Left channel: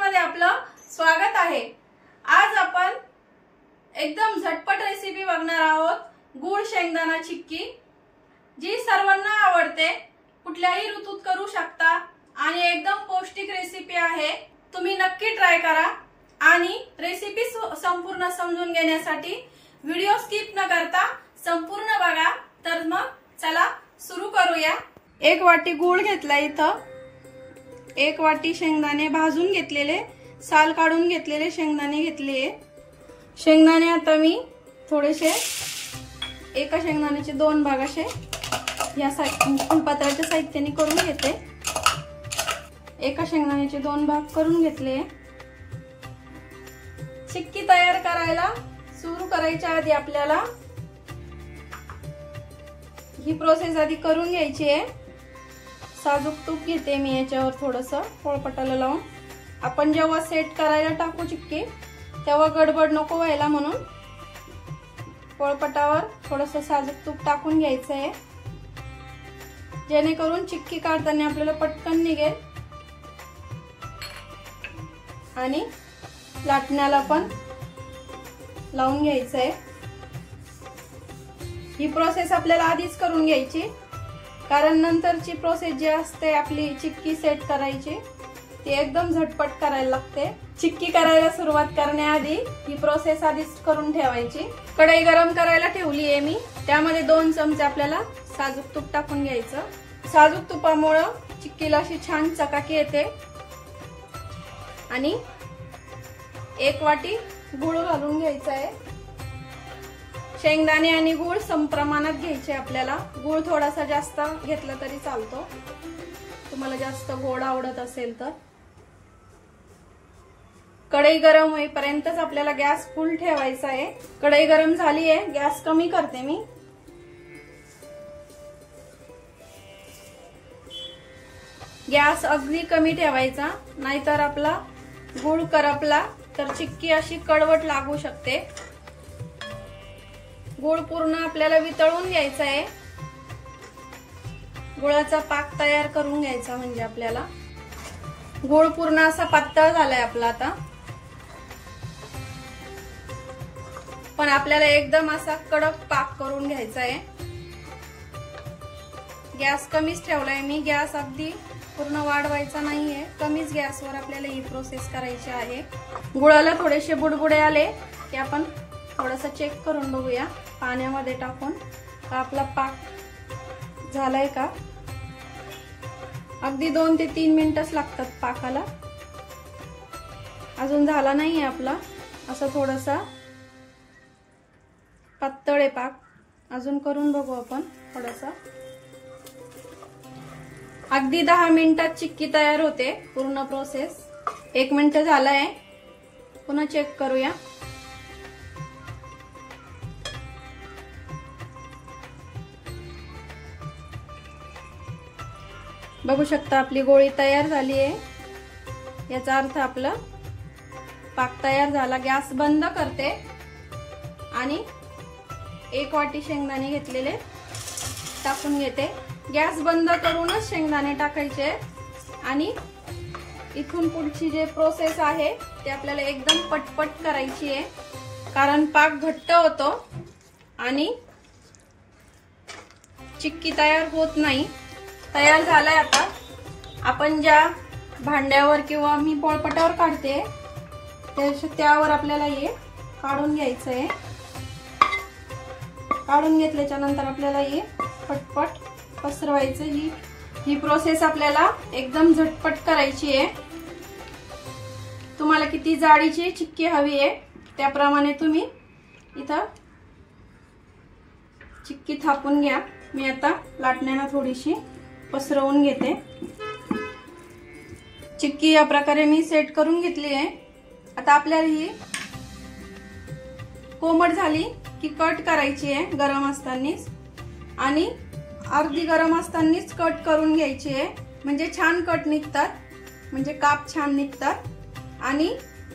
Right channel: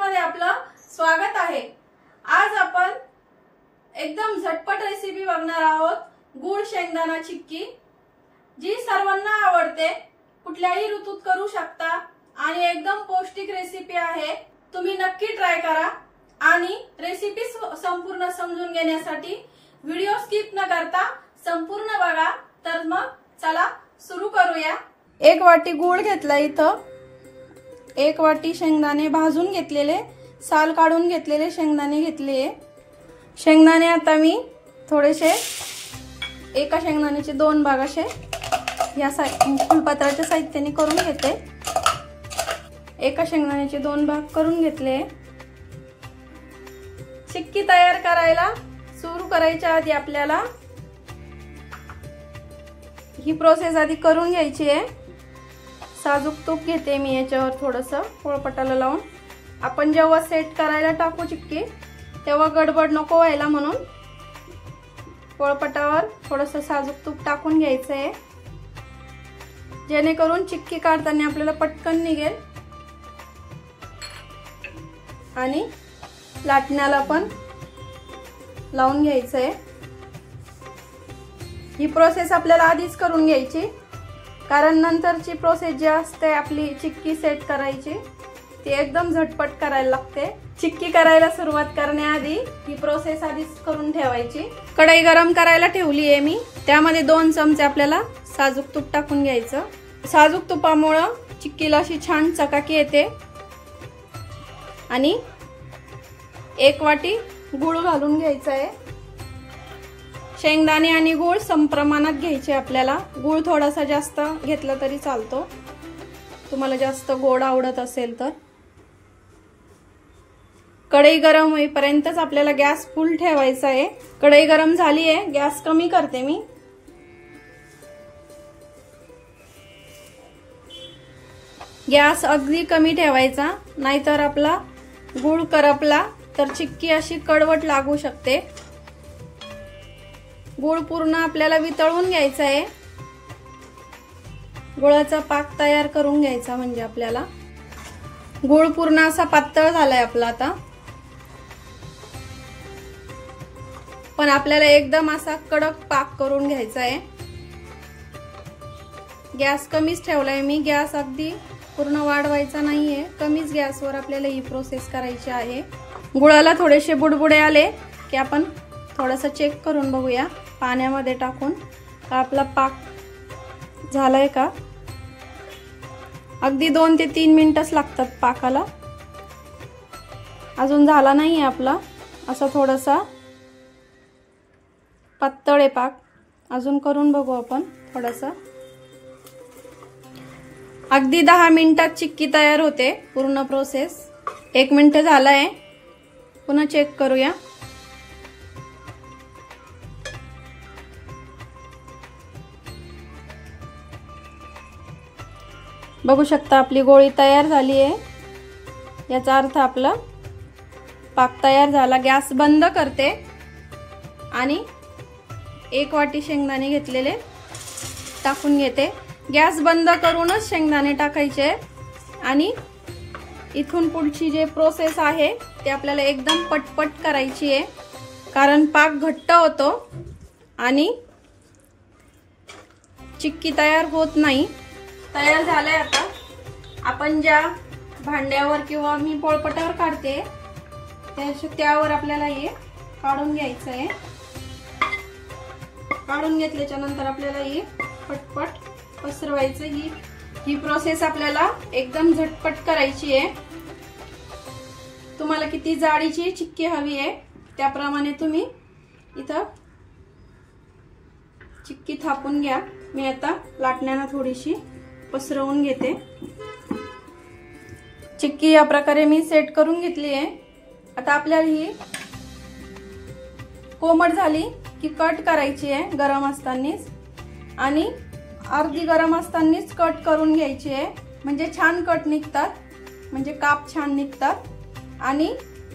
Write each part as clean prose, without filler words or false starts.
मध्ये आपलं स्वागत आहे। आज आपण एकदम झटपट रेसिपी बघणार आहोत, गुळ शेंगदाणा चिक्की, जी सर्वांना आवडते। कुठल्याही ऋतूत करू शकता आणि एकदम पौष्टिक रेसिपी आहे। तुम्ही नक्की ट्राय करा आणि रेसिपी संपूर्ण समजून घेण्यासाठी व्हिडिओ स्किप न करता संपूर्ण बघा। तर मग चला सुरू करूया। एक वाटी गूळ घेतला, इथं एक वाटी शेंगदाणे भाजून घेतलेले, साल काढून घेतलेले शेंगदाणे घेतले। शेंगदाणे आता मी थोडेसे एका शेंगदाण्याचे दोन भाग असे या फुलपत्राच्या साहित्याने करून घेते। एका शेंगदाण्याचे दोन भाग करून घेतले। चिक्की तयार करायला सुरू करायच्या आधी आपल्याला ही प्रोसेस आधी करून घ्यायची आहे। साजूक तूप घेते मी याच्यावर थोडंसं पोळपाटाला लावून। आपण जेव्हा सेट करायला टाकू चिक्की तेव्हा गडबड नको व्हायला म्हणून पोळपाटावर थोडंसं साजूक तूप टाकून घ्यायचं आहे, जेणेकरून चिक्की काढताना आपल्याला पटकन निघेल आणि लाटण्याला पण लावून घ्यायचं आहे। ही प्रोसेस आपल्याला आधीच करून घ्यायची, कारण नंतरची प्रोसेस जी असते आपली चिक्की सेट करायची ती एकदम झटपट करायला लागते। चिक्की करायला सुरुवात करण्याआधी ही प्रोसेस आधीच करून ठेवायची। कढई गरम करायला ठेवली आहे मी, त्यामध्ये 2 चमचे आपल्याला साजूक तूप टाकून घ्यायचं। साजूक तुपामुळे चिक्कीला अशी छान चकाकी येते। आणि 1 वाटी गूळ घालून घ्यायचा आहे। शेंगदाणे आणि गूळ समप्रमाणात घ्यायचे आपल्याला। गूळ थोडासा जास्त घेतला तरी चालतो, तुम्हाला जास्त गोड आवडत असेल तर। कढई गरम होईपर्यंतच आपल्याला गॅस फुल ठेवायचा आहे। कढई गरम झाली आहे, गॅस कमी करते मी। गॅस अगदी कमी ठेवायचा, नाहीतर आपला गूळ करपला तर चिक्की अशी कडवट लागू शकते। गूळ पूर्ण आपल्याला वितळून घ्यायचा आहे। गुळाचा पाक तयार करून घ्यायचा, म्हणजे आपल्याला गूळ पूर्ण असा पातळ झालाय आपला आता। पण आपल्याला एकदम असा कडक पाक करून घ्यायचा आहे। गॅस कमीच ठेवलाय मी, गॅस अगदी पूर्ण वाढवायचा नाहीये, कमीच गॅसवर आपल्याला ही प्रोसेस करायची आहे। गुळाला थोडेसे बुडबुडे आले की आपण थोडंसं चेक करून बघूया पाण्यामध्ये टाकून का आपला पाक झालाय का। अगदी 2 ते 3 मिनिटच लागतात पाकाला। अजून झाला नाहीये आपला, असं थोडासा पातळ आहे पाक। अजून करून बघू आपण थोडासा। अगदी 10 मिनिटात चिक्की तयार होते पूर्ण प्रोसेस। 1 मिनिट झालाय, पुन्हा चेक करूया। बघू शकता आपली गोळी तयार झाली आहे, याचा अर्थ आपला पाक तयार झाला। गॅस बंद करते आणि 1 वाटी शेंगदाणे घेतलेले टाकून घेते। गॅस बंद करूनच शेंगदाणे टाकायचे आणि इथून पुढची जी प्रोसेस आहे ती आपल्याला एकदम पटपट करायची आहे, कारण पाक घट्ट होतो आणि चिक्की तयार होत नाही। तयार झालाय आता। आपण ज्या भांड्यावर किंवा मी पोळपाटावर काढते त्यावर आपल्याला हे काढून घ्यायचं आहे। काढून घेतल्याच्या नंतर आपल्याला हे पटपट पसरवायचं। ही प्रोसेस आपल्याला एकदम झटपट करायची आहे। तुम्हाला किती जाडीची चिक्की हवी आहे त्याप्रमाणे तुम्ही इथं चिक्की थापून घ्या। मी आता लाटण्याला थोडीशी पसरवून घेते। चिक्की या प्रकारे मी सेट करून घेतली आहे। आता आपल्याला ही कोमट झाली की कट करायची आहे गरम असतानाच, आणि अर्धी गरम असतानाच कट करून घ्यायची आहे, म्हणजे छान कट निघतात, म्हणजे काप छान निघतात। आणि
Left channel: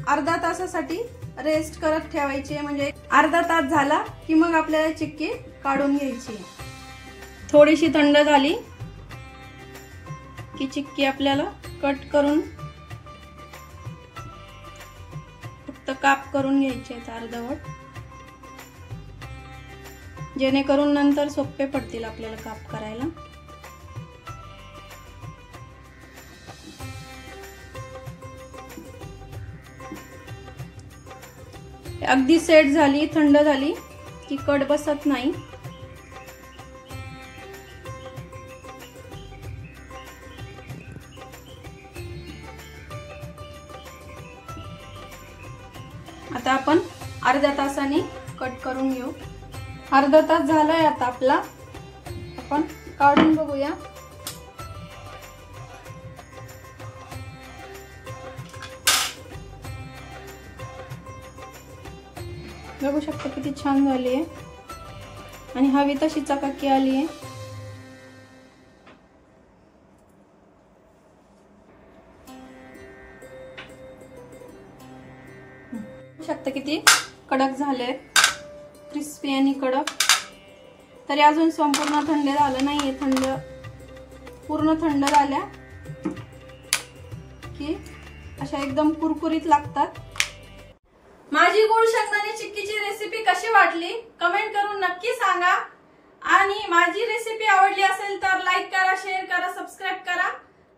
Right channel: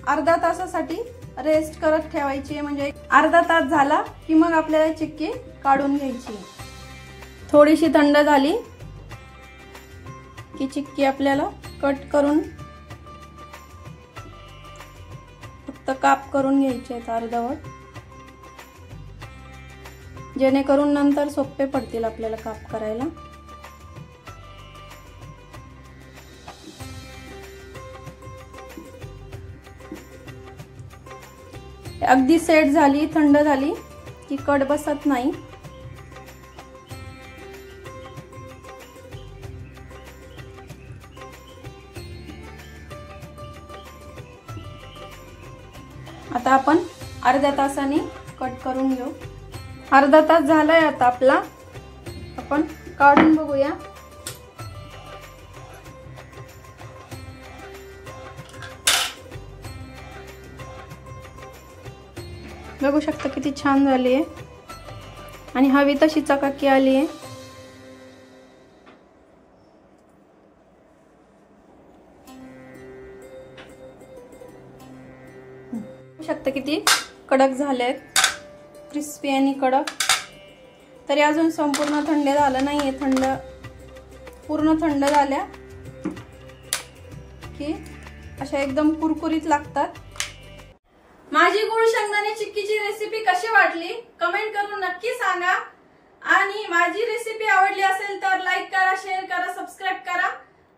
अर्धा तासासाठी रेस्ट करत ठेवायची आहे, म्हणजे अर्धा तास झाला की मग आपल्याला चिक्की काढून घ्यायची। थोडीशी थंड झाली की चिक्की आपल्याला कट करून फक्त काप करून घ्यायचे आहेत अर्धवट, जेणेकरून नंतर सोपे पडतील आपल्याला काप करायला। अगदी सेट झाली, थंड झाली की कट बसत नाही। आता आपण अर्ध्या तासाने कट करून घेऊ। अर्धा तास झालाय आता आपला, आपण काढून बघूया। बघू शकता किती छान झाली आहे आणि हवी तशी चकाकी आली आहे। बघू शकता किती कडक झाले, क्रिस्पी आणि कडक। तरी अजून संपूर्ण थंड झालं नाहीये, पूर्ण थंड झाल्या की अशा एकदम कुरकुरीत लागतात। माझी गुळ शेंगदाणे चिक्कीची रेसिपी कशी वाटली कमेंट करून नक्की सांगा, आणि माझी रेसिपी आवडली असेल तर लाईक करा, शेअर करा, सबस्क्राईब करा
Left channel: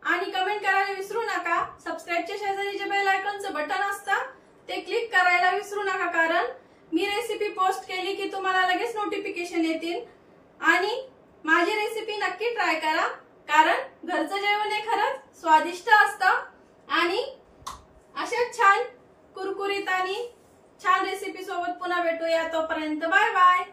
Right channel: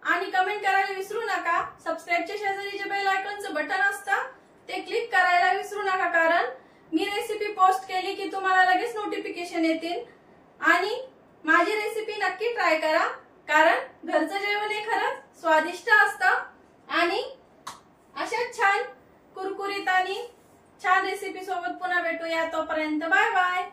आणि कमेंट करायला विसरू नका। सबस्क्राईबच्या शेजारी जे बेल आयकॉनचं बटन असतं ते क्लिक करायला विसरू नका, कारण मी रेसिपी पोस्ट केली की तुम्हाला लगेच नोटिफिकेशन येतील। आणि माझी रेसिपी नक्की ट्राय करा, कारण घरचं जेवण हे खरंच स्वादिष्ट असतं। आणि अशा छान कुरकुरीत आणि छान रेसिपी सोबत पुन्हा भेटूया, तोपर्यंत बाय बाय।